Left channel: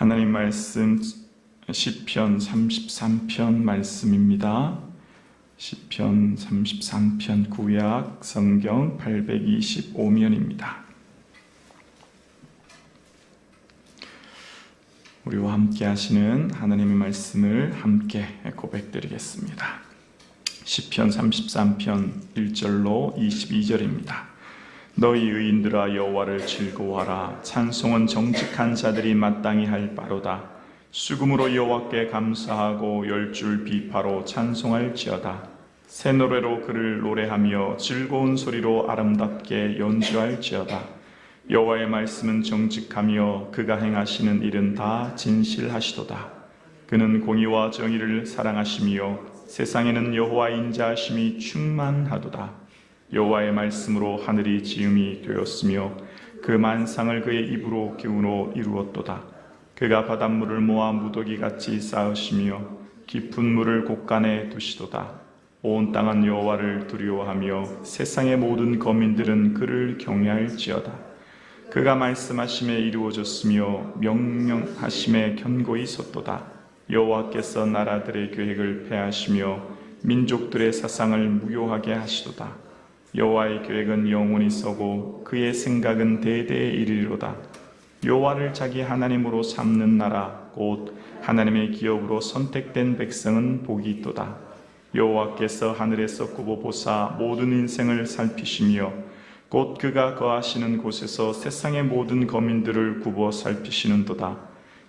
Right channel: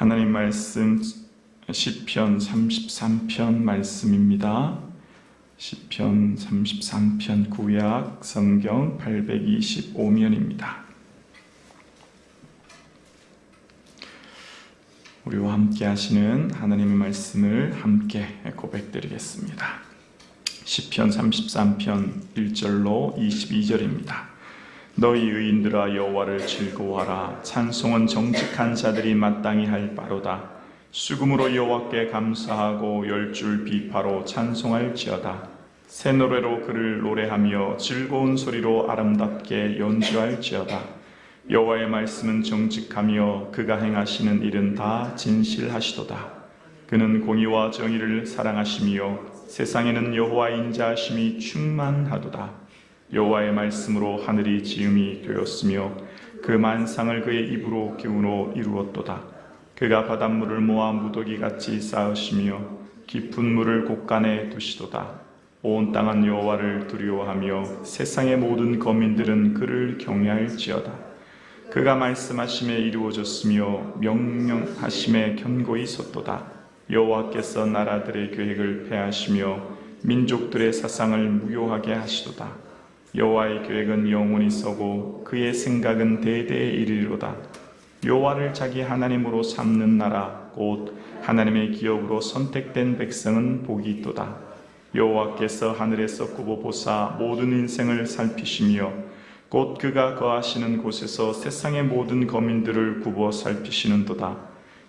하나님 말씀 시편 33편 말씀입니다. 시편 33편 구약 성경 825면입니다. 우리와 함께 하시는 하나님의 말씀을 함께 고백드리겠습니다. 시편 33편 1절로 22절입니다. 너희 의인들아 여호와를 즐거워하라. 찬송은 정직한 자들이 마땅히 할 바로다. 수금으로 여호와께 감사하고 열줄 비파로 찬송할지어다. 새 노래로 그를 노래하며 즐거운 소리로 아름답게 연주할지어다. 여호와의 말씀은 정직하며 그가 행하시는 일은 다 진실하시도다. 그는 공의와 정의를 사랑하시며 세상에는 여호와의 인자하심이 충만하도다. 여호와의 말씀으로 하늘이 지음이 되었으며 그 만상을 그의 입으로 기운으로 이루었도다. 그가 바닷물을 모아 무더기같이 쌓으시며 깊은 물을 곳간에 두시도다. 온 땅은 여호와를 두려워하며 세상의 모든 거민들은 그를 경외할지어다. 그가 말씀하심에 이루어졌으며 명령하심에 견고히 섰도다. 여호와께서 나라들의 계획을 폐하시며 민족들의 사상을 무효하게 하시도다. 여호와의 계획은 영원히 서고 그의 생각은 대대에 이르리로다. 여호와를 자기 하나님으로 삼는 나라 곧 하나님의 기업으로 선택된 백성은 복이 있도다. 여호와께서 하늘에서 굽어 보사 모든 인생을 살피시며 곧 그가 거하시는 곳에서 세상의 모든 거민들을 굽어 살피시는도다.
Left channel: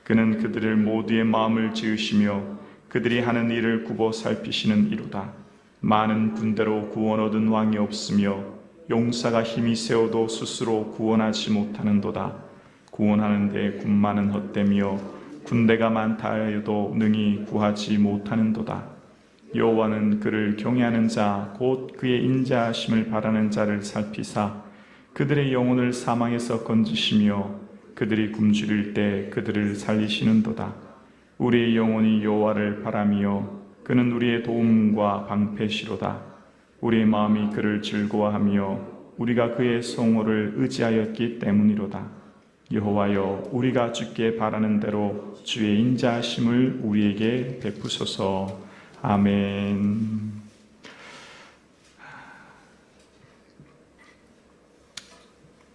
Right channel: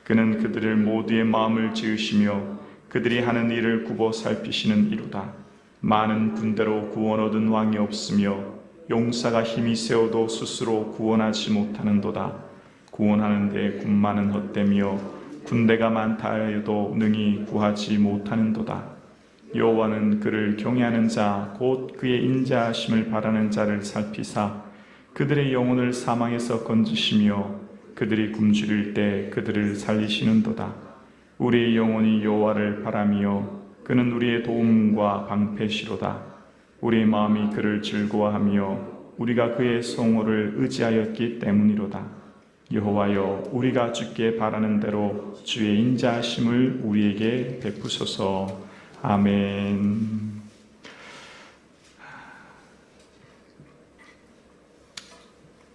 그는 그들을 모두의 마음을 지으시며 그들이 하는 일을 굽어 살피시는 이로다. 많은 군대로 구원 얻은 왕이 없으며 용사가 힘이 세어도 스스로 구원하지 못하는도다. 구원하는 데 군마는 헛되며 군대가 많다 하여도 능히 구하지 못하는도다. 여호와는 그를 경외하는 자 곧 그의 인자하심을 바라는 자를 살피사 그들의 영혼을 사망에서 건지시며 그들이 굶주릴 때 그들을 살리시는도다. 우리의 영혼이 여호와를 바라며 그는 우리의 도움과 방패시로다. 우리의 마음이 그를 즐거워하며 우리가 그의 성호를 의지하였기 때문이로다. 여호와여, 우리가 주께 바라는 대로 주의 인자하심을 우리에게 베푸소서. 아멘.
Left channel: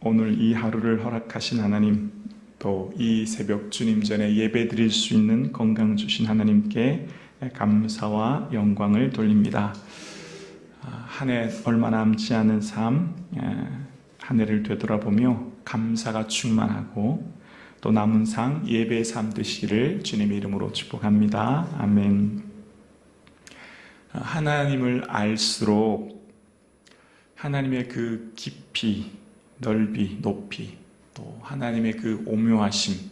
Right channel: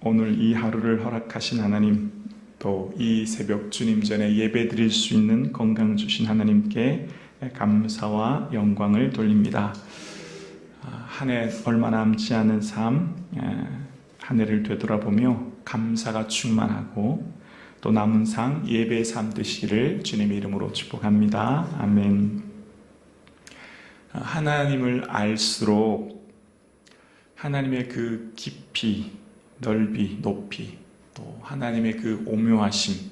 오늘 이 하루를 허락하신 하나님, 또 이 새벽 주님 전에 예배 드릴 수 있는 건강 주신 하나님께 감사와 영광을 돌립니다. 한 해 얼마 남지 않은 삶, 한 해를 되돌아보며 감사가 충만하고 또 남은 삶 예배의 삶 되시기를 주님의 이름으로 축복합니다. 아멘. 하나님을 알수록 하나님의 그 깊이, 넓이, 높이, 또 하나님의 그 오묘하심,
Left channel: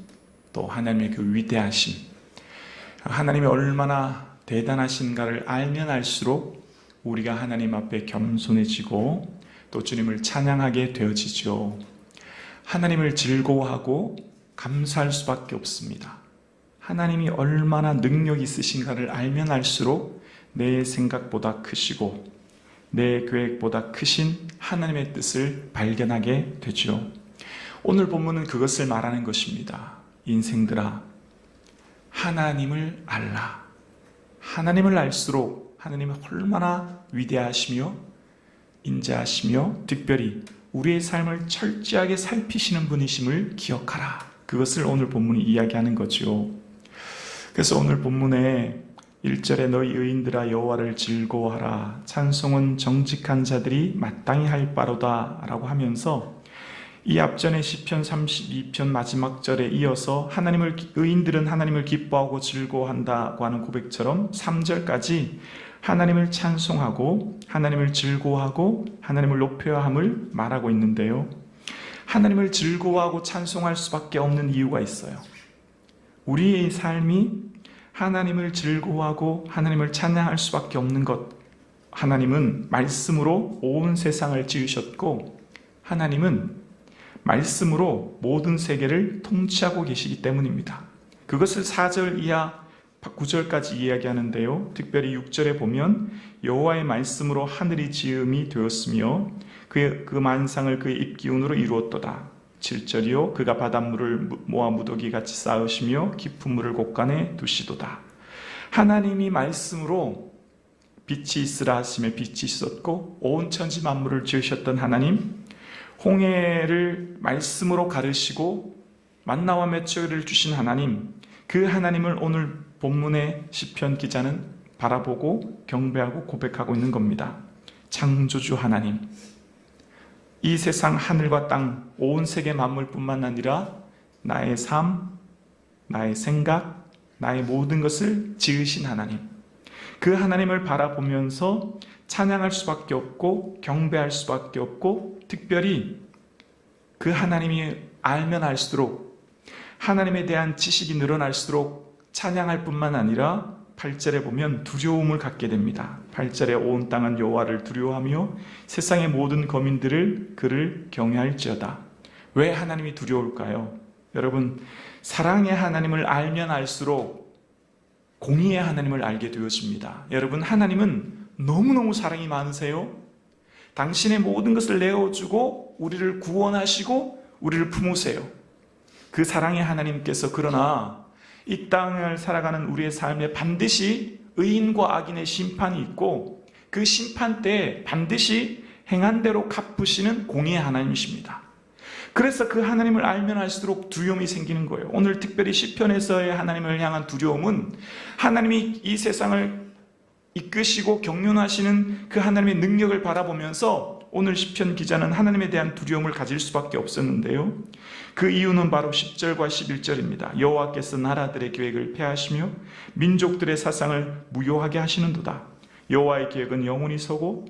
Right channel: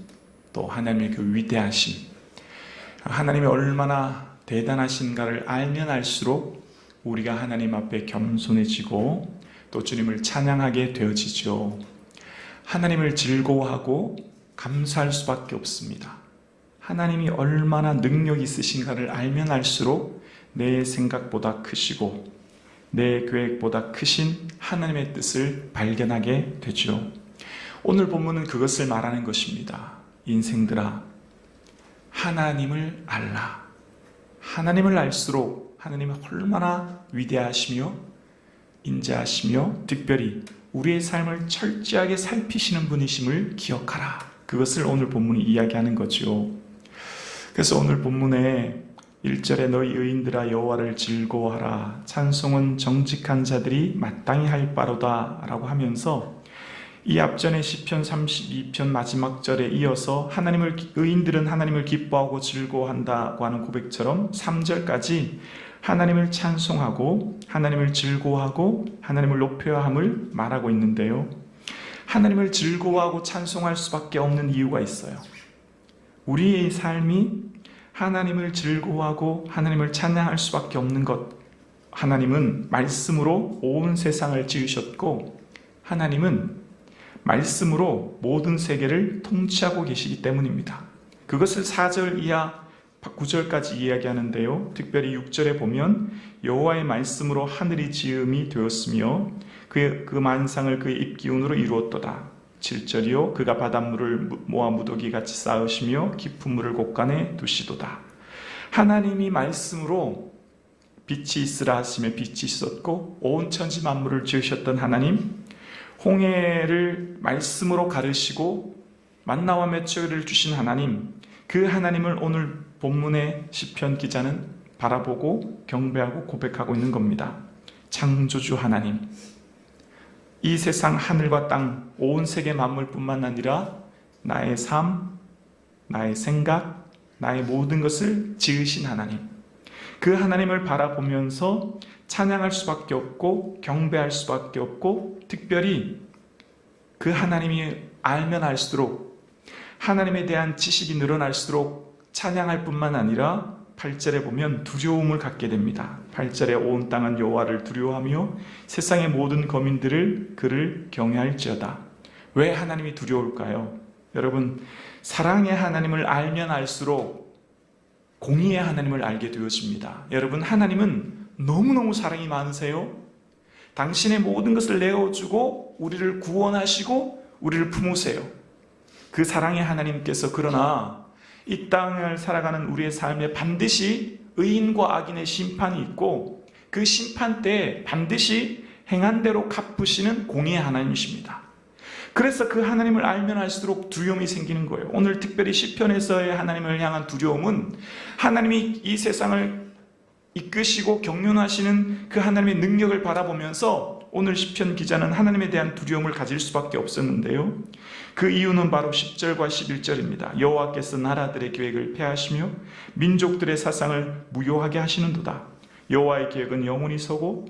또 하나님의 그 위대하심, 하나님이 얼마나 대단하신가를 알면 알수록 우리가 하나님 앞에 겸손해지고 또 주님을 찬양하게 되어지죠. 하나님을 즐거워하고 감사할 수밖에 없습니다. 하나님이 얼마나 능력 있으신가를 알면 알수록 내 생각보다 크시고 내 계획보다 크신 하나님의 뜻을 발견하게 되죠. 오늘 본문은 그것을 말하는 것입니다. 인생들아, 하나님을 알라. 하나님을 알수록 하나님은 얼마나 위대하시며 인자하시며 특별히 우리의 삶을 철저하게 살피시는 분이심을 기억하라. 그것을 오늘 본문이 이야기하는 거죠. 그래서 오늘 본문에 1절에 너희 의인들아 여호와를 즐거워하라. 찬송은 정직한 자들이 마땅히 할 바로다 라고 하면서 이 앞전에 시편 32편 마지막 절에 이어서 의인들은 하나님을 기뻐하고 즐거워한다고 하는 고백처럼 3절까지 하나님을 찬송하고 하나님을 즐거워하고 하나님을 높여야 함을 말하고 있는데요. 하나님을 즐거워하고 찬송할 수밖에 없는 이유가 있어요. 우리의 삶이 하나님을 즐거워하고 하나님을 찬양할 수밖에 없는 것. 하나님은 말씀으로 온 세상을 지으셨고 하나님은 말씀으로 모든 세계를 통치하고 계시기 때문입니다. 그것을 4절 이하 9절까지 이야기하는데요. 특별히 6절에 보면 여호와의 말씀으로 하늘이 지음이 되었으며 그 만상을 그의 입기운으로 이루었도다. 7절이요 그가 바닷물을 모아 무더기같이 쌓으시며 깊은 물을 곳간에 두시도다. 하나님이 말씀으로 빛이 있으라 하시며 빛이 있었고 온 천지 만물을 지으셨던 하나님, 홍해를 말씀으로 가르시고 만나와 메추리를 주신 하나님, 그 하나님을 오늘 본문의 시편 기자는 바라보고 경배하고 고백하고 있는 겁니다. 창조주 하나님, 이 세상 하늘과 땅, 온 세계 만물뿐만 아니라 나의 삶, 나의 생각, 나의 모든 것을 지으신 하나님, 그 하나님을 바라보면서 찬양할 수밖에 없고 경배할 수밖에 없고, 특별히 그 하나님이 알면 알수록, 하나님에 대한 지식이 늘어날수록 찬양할 뿐만 아니라 8절에 보면 두려움을 갖게 됩니다. 8절에 온 땅은 여호와를 두려워하며 세상의 모든 거민들을 그를 경외할지어다. 왜 하나님이 두려울까요? 여러분, 사랑의 하나님을 알면 알수록 공의의 하나님을 알게 되어집니다. 여러분, 하나님은 너무너무 사랑이 많으세요. 당신의 모든 것을 내어주고 우리를 구원하시고 우리를 품으세요. 그 사랑의 하나님께서 그러나 이 땅을 살아가는 우리의 삶에 반드시 의인과 악인의 심판이 있고, 그 심판 때에 반드시 행한 대로 갚으시는 공의의 하나님이십니다. 그래서 그 하나님을 알면 알수록 두려움이 생기는 거예요. 오늘 특별히 시편에서의 하나님을 향한 두려움은 하나님이 이 세상을 이끄시고 경륜하시는 그 하나님의 능력을 바라보면서 오늘 시편 기자는 하나님에 대한 두려움을 가질 수밖에 없었는데요. 그 이유는 바로 10절과 11절입니다. 여호와께서 나라들의 계획을 폐하시며 민족들의 사상을 무효하게 하시는도다. 여호와의 계획은 영원히 서고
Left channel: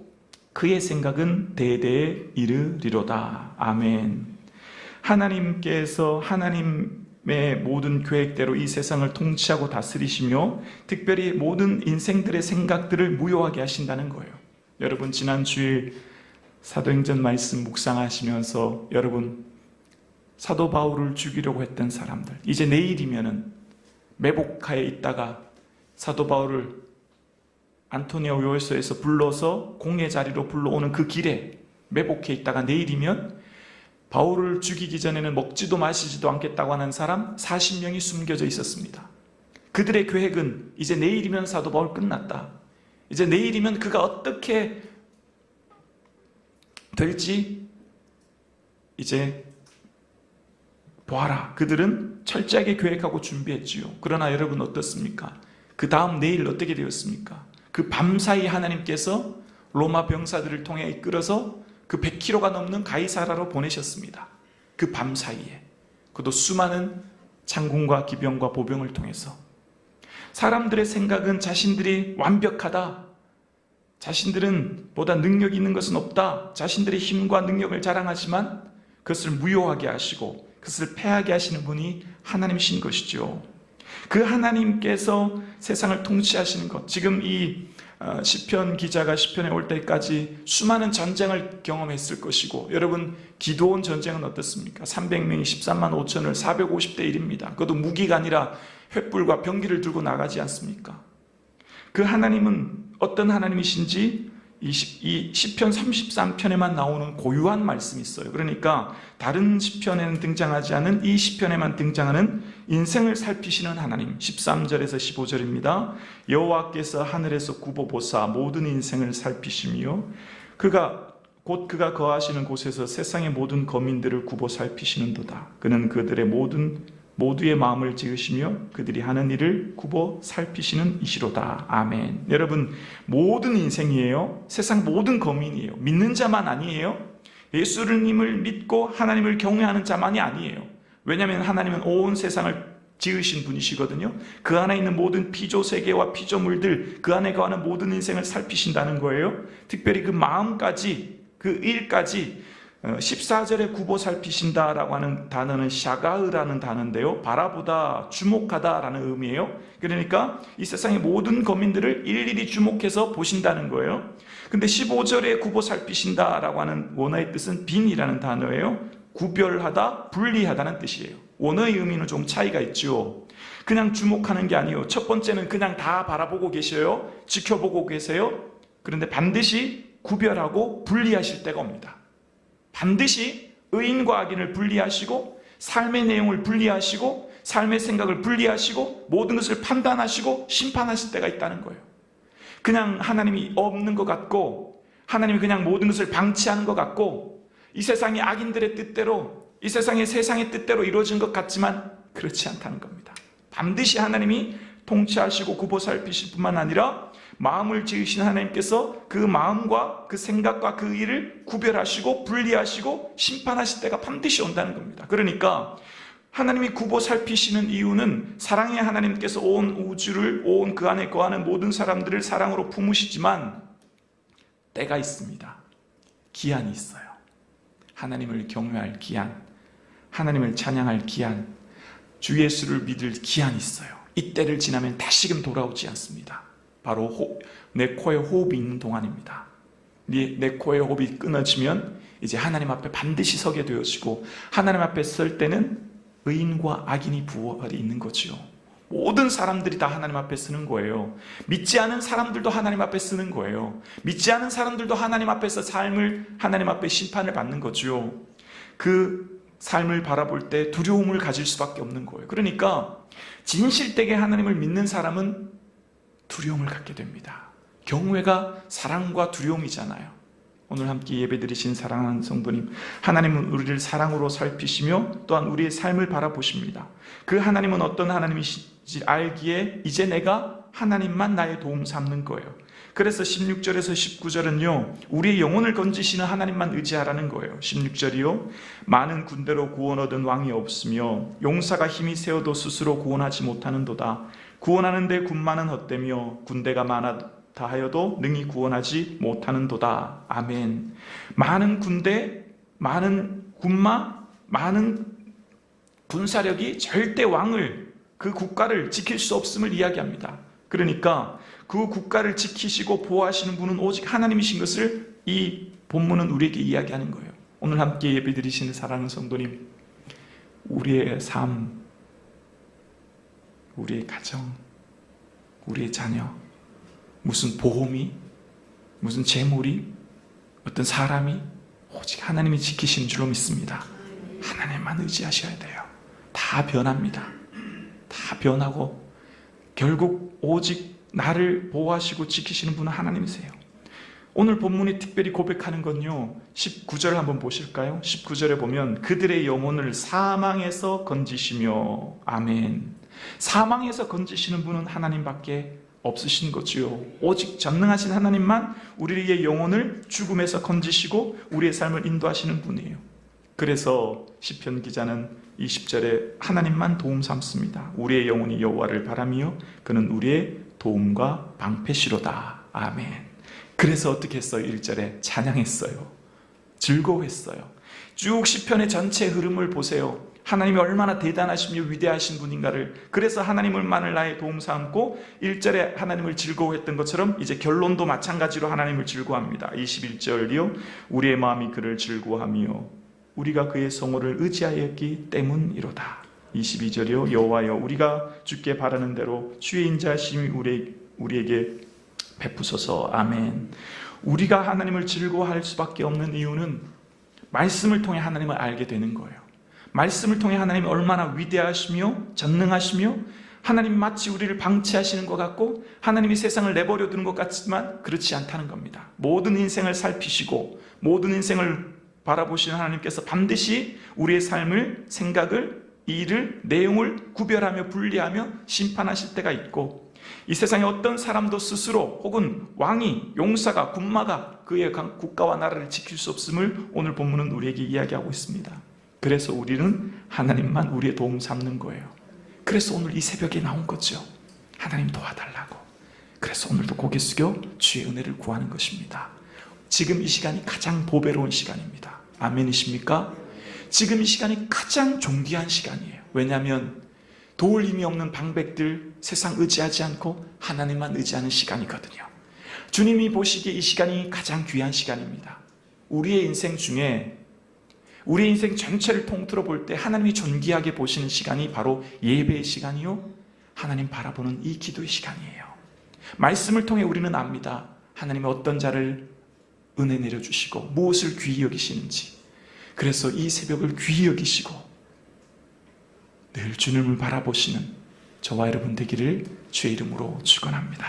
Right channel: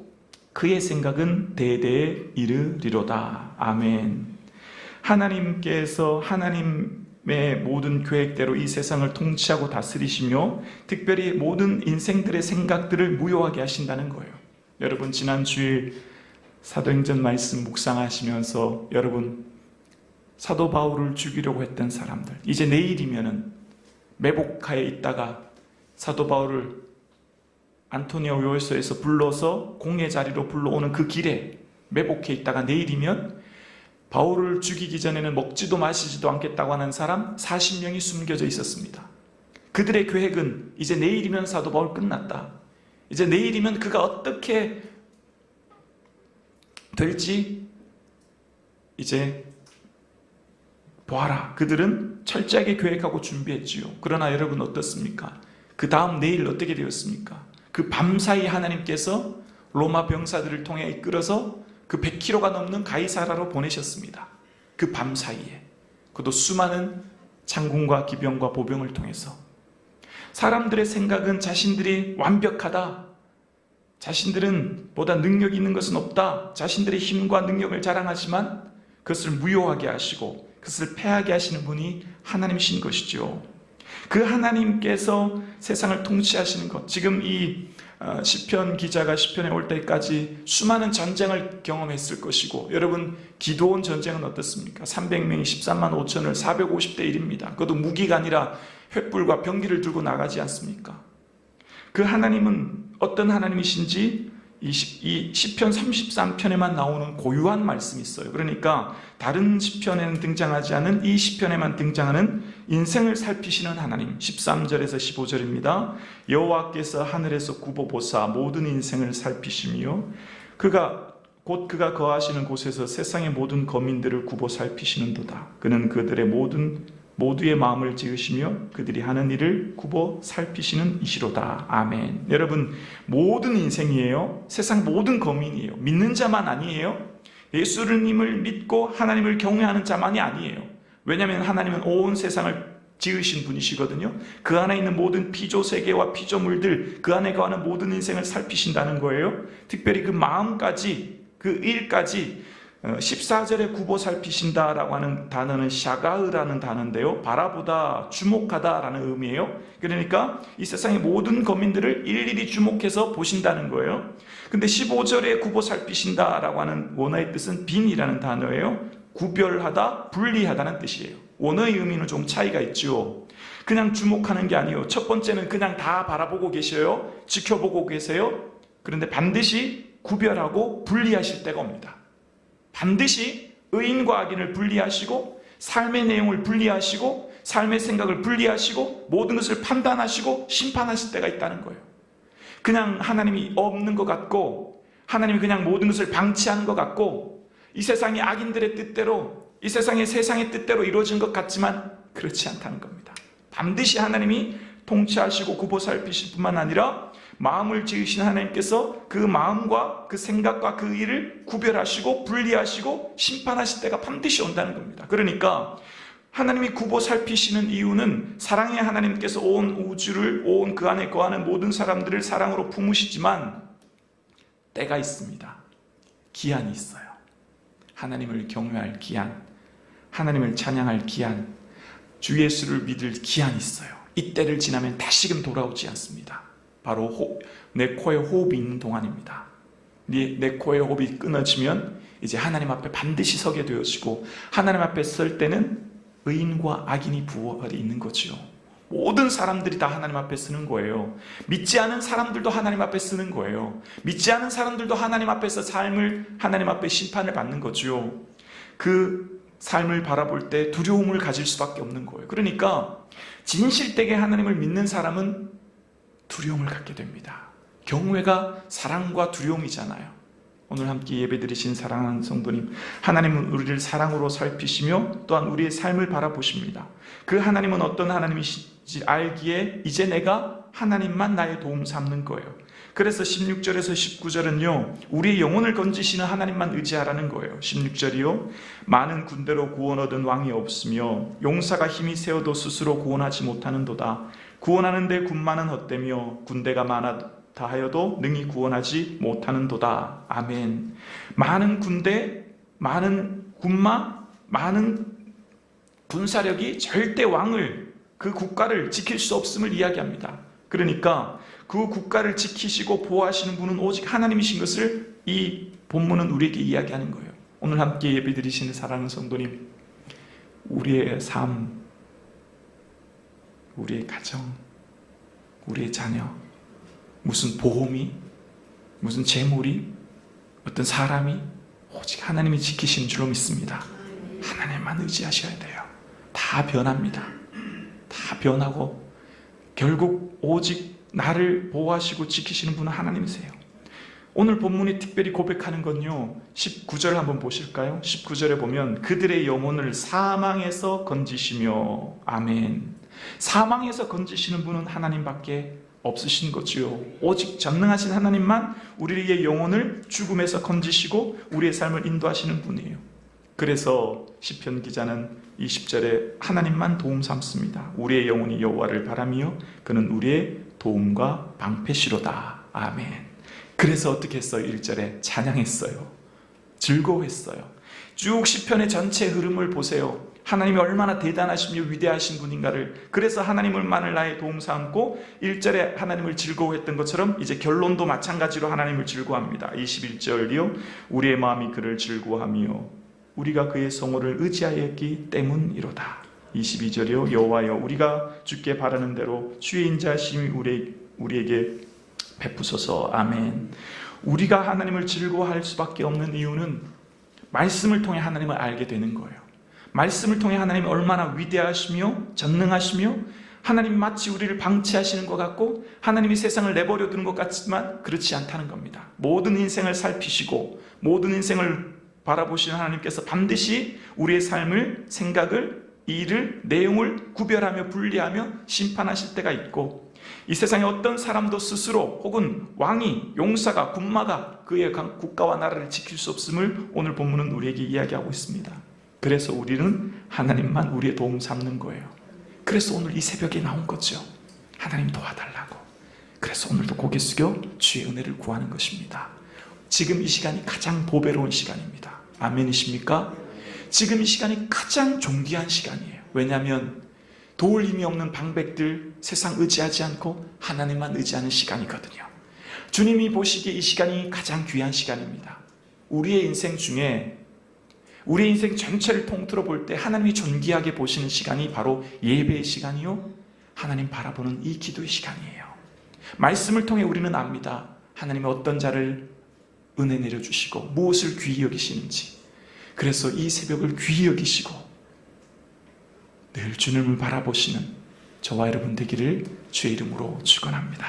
그의 생각은 대대에 이르리로다. 아멘. 하나님께서 하나님의 모든 계획대로 이 세상을 통치하고 다스리시며 특별히 모든 인생들의 생각들을 무효하게 하신다는 거예요. 여러분, 지난 주일 사도행전 말씀 묵상하시면서 여러분, 사도 바울을 죽이려고 했던 사람들, 이제 내일이면은 매복하에 있다가 사도 바울을 안토니아 요소에서 불러서 공의 자리로 불러오는 그 길에 매복해 있다가 내일이면 바울을 죽이기 전에는 먹지도 마시지도 않겠다고 하는 사람 40명이 숨겨져 있었습니다. 그들의 계획은 이제 내일이면 사도 바울 끝났다. 이제 내일이면 그가 어떻게 될지 이제 보아라. 그들은 철저하게 계획하고 준비했지요. 그러나 여러분 어떻습니까? 그 다음 내일 어떻게 되었습니까? 그 밤사이 하나님께서 로마 병사들을 통해 이끌어서 그 100km가 넘는 가이사라로 보내셨습니다. 그 밤사이에. 그것도 수많은 장군과 기병과 보병을 통해서. 사람들의 생각은 자신들이 완벽하다. 자신들은 보다 능력이 있는 것은 없다. 자신들의 힘과 능력을 자랑하지만 그것을 무효하게 하시고 그것을 패하게 하시는 분이 하나님이신 것이죠. 그 하나님께서 세상을 통치하시는 것, 지금 이 시편 기자가 시편에 올 때까지 수많은 전쟁을 경험했을 것이고, 여러분 기드온 전쟁은 어떻습니까? 300명이 13만 5천을 450대 1입니다. 그것도 무기가 아니라 횃불과 병기를 들고 나가지 않습니까? 그 하나님은 어떤 하나님이신지 이 시편 33편에만 나오는 고유한 말씀이 있어요. 그러니까 다른 시편에는 등장하지 않은 이 시편에만 등장하는 인생을 살피시는 하나님. 13절에서 15절입니다. 여호와께서 하늘에서 굽어보사 모든 인생을 살피시며 그가 거하시는 곳에서 세상의 모든 거민들을 굽어 살피시는도다. 그는 그들의 모두의 마음을 지으시며 그들이 하는 일을 굽어 살피시는 이시로다. 아멘. 여러분, 모든 인생이에요. 세상 모든 거민이에요. 믿는 자만 아니에요. 예수님을 믿고 하나님을 경외하는 자만이 아니에요. 왜냐하면 하나님은 온 세상을 지으신 분이시거든요. 그 안에 있는 모든 피조세계와 피조물들, 그 안에 거하는 모든 인생을 살피신다는 거예요. 특별히 그 마음까지, 그 일까지 14절에 굽어 살피신다라고 하는 단어는 샤가으라는 단어인데요. 바라보다, 주목하다라는 의미예요. 그러니까 이 세상의 모든 거민들을 일일이 주목해서 보신다는 거예요. 근데 15절에 굽어 살피신다라고 하는 원어의 뜻은 빈이라는 단어예요. 구별하다, 분리하다는 뜻이에요. 원어의 의미는 좀 차이가 있죠. 그냥 주목하는 게 아니에요. 첫 번째는 그냥 다 바라보고 계셔요. 지켜보고 계세요. 그런데 반드시 구별하고 분리하실 때가 옵니다. 반드시 의인과 악인을 분리하시고 삶의 내용을 분리하시고 삶의 생각을 분리하시고 모든 것을 판단하시고 심판하실 때가 있다는 거예요. 그냥 하나님이 없는 것 같고 하나님이 그냥 모든 것을 방치하는 것 같고 이 세상의 악인들의 뜻대로 이 세상의 뜻대로 이루어진 것 같지만 그렇지 않다는 겁니다. 반드시 하나님이 통치하시고 굽어 살피실 뿐만 아니라 마음을 지으신 하나님께서 그 마음과 그 생각과 그 일을 구별하시고 분리하시고 심판하실 때가 반드시 온다는 겁니다. 그러니까 하나님이 굽어 살피시는 이유는 사랑의 하나님께서 온 우주를 온 그 안에 거하는 모든 사람들을 사랑으로 품으시지만 때가 있습니다. 기한이 있어요. 하나님을 경외할 기한, 하나님을 찬양할 기한, 주 예수를 믿을 기한이 있어요. 이 때를 지나면 다시금 돌아오지 않습니다. 바로 내 코에 호흡이 있는 동안입니다. 내 코에 호흡이 끊어지면 이제 하나님 앞에 반드시 서게 되어지고 하나님 앞에 설 때는 의인과 악인이 부활이 있는 거지요. 모든 사람들이 다 하나님 앞에 서는 거예요. 믿지 않은 사람들도 하나님 앞에 서는 거예요. 믿지 않은 사람들도 하나님 앞에서 삶을 하나님 앞에 심판을 받는 거지요. 그 삶을 바라볼 때 두려움을 가질 수밖에 없는 거예요. 그러니까 진실되게 하나님을 믿는 사람은 두려움을 갖게 됩니다. 경외가 사랑과 두려움이잖아요. 오늘 함께 예배드리신 사랑하는 성도님, 하나님은 우리를 사랑으로 살피시며 또한 우리의 삶을 바라보십니다. 그 하나님은 어떤 하나님이신지 알기에 이제 내가 하나님만 나의 도움 삼는 거예요. 그래서 16절에서 19절은요, 우리의 영혼을 건지시는 하나님만 의지하라는 거예요. 16절이요, 많은 군대로 구원 얻은 왕이 없으며 용사가 힘이 세어도 스스로 구원하지 못하는도다. 구원하는데 군마는 헛되며 군대가 많다 하여도 능히 구원하지 못하는도다. 아멘. 많은 군대, 많은 군마, 많은 군사력이 절대 왕을, 그 국가를 지킬 수 없음을 이야기합니다. 그러니까 그 국가를 지키시고 보호하시는 분은 오직 하나님이신 것을 이 본문은 우리에게 이야기하는 거예요. 오늘 함께 예배드리시는 사랑하는 성도님, 우리의 삶, 우리의 가정, 우리의 자녀, 무슨 보험이, 무슨 재물이, 어떤 사람이 오직 하나님이 지키시는 줄로 믿습니다. 하나님만 의지하셔야 돼요. 다 변합니다. 다 변하고 결국 오직 나를 보호하시고 지키시는 분은 하나님이세요. 오늘 본문이 특별히 고백하는 건요, 19절 한번 보실까요? 19절에 보면 그들의 영혼을 사망에서 건지시며, 아멘. 사망에서 건지시는 분은 하나님밖에 없으신 거지요. 오직 전능하신 하나님만 우리의 영혼을 죽음에서 건지시고 우리의 삶을 인도하시는 분이에요. 그래서 시편 기자는 20절에 하나님만 도움 삼습니다. 우리의 영혼이 여호와를 바라며 그는 우리의 도움과 방패시로다. 아멘. 그래서 어떻게 했어요? 1절에 찬양했어요. 즐거워했어요. 쭉 시편의 전체 흐름을 보세요. 하나님이 얼마나 대단하시며 위대하신 분인가를. 그래서 하나님을만을 나의 도움 삼고 1절에 하나님을 즐거워했던 것처럼 이제 결론도 마찬가지로 하나님을 즐거워합니다. 21절이요. 우리의 마음이 그를 즐거워하며 우리가 그의 성호를 의지하였기 때문이로다. 22절이요. 여호와여 우리가 주께 바라는 대로 주의 인자하심이 우리에게 베푸소서. 아멘. 우리가 하나님을 즐거워할 수밖에 없는 이유는 말씀을 통해 하나님을 알게 되는 거예요. 말씀을 통해 하나님이 얼마나 위대하시며 전능하시며 하나님 마치 우리를 방치하시는 것 같고 하나님이 세상을 내버려 두는 것 같지만 그렇지 않다는 겁니다. 모든 인생을 살피시고 모든 인생을 바라보시는 하나님께서 반드시 우리의 삶을, 생각을, 일을, 내용을 구별하며 분리하며 심판하실 때가 있고 이 세상에 어떤 사람도 스스로 혹은 왕이, 용사가, 군마가 그의 국가와 나라를 지킬 수 없음을 오늘 본문은 우리에게 이야기하고 있습니다. 그래서 우리는 하나님만 우리의 도움 삼는 거예요. 그래서 오늘 이 새벽에 나온 거죠. 하나님 도와달라고. 그래서 오늘도 고개 숙여 주의 은혜를 구하는 것입니다. 지금 이 시간이 가장 보배로운 시간입니다. 아멘이십니까? 지금 이 시간이 가장 존귀한 시간이에요. 왜냐하면 도울 힘이 없는 방백들 세상 의지하지 않고 하나님만 의지하는 시간이거든요. 주님이 보시기에 이 시간이 가장 귀한 시간입니다. 우리의 인생 중에 우리의 인생 전체를 통틀어 볼 때 하나님이 존귀하게 보시는 시간이 바로 예배의 시간이요, 하나님 바라보는 이 기도의 시간이에요. 말씀을 통해 우리는 압니다. 하나님이 어떤 자를 은혜 내려주시고 무엇을 귀히 여기시는지. 그래서 이 새벽을 귀히 여기시고 늘 주님을 바라보시는 저와 여러분 되기를 주의 이름으로 축원합니다.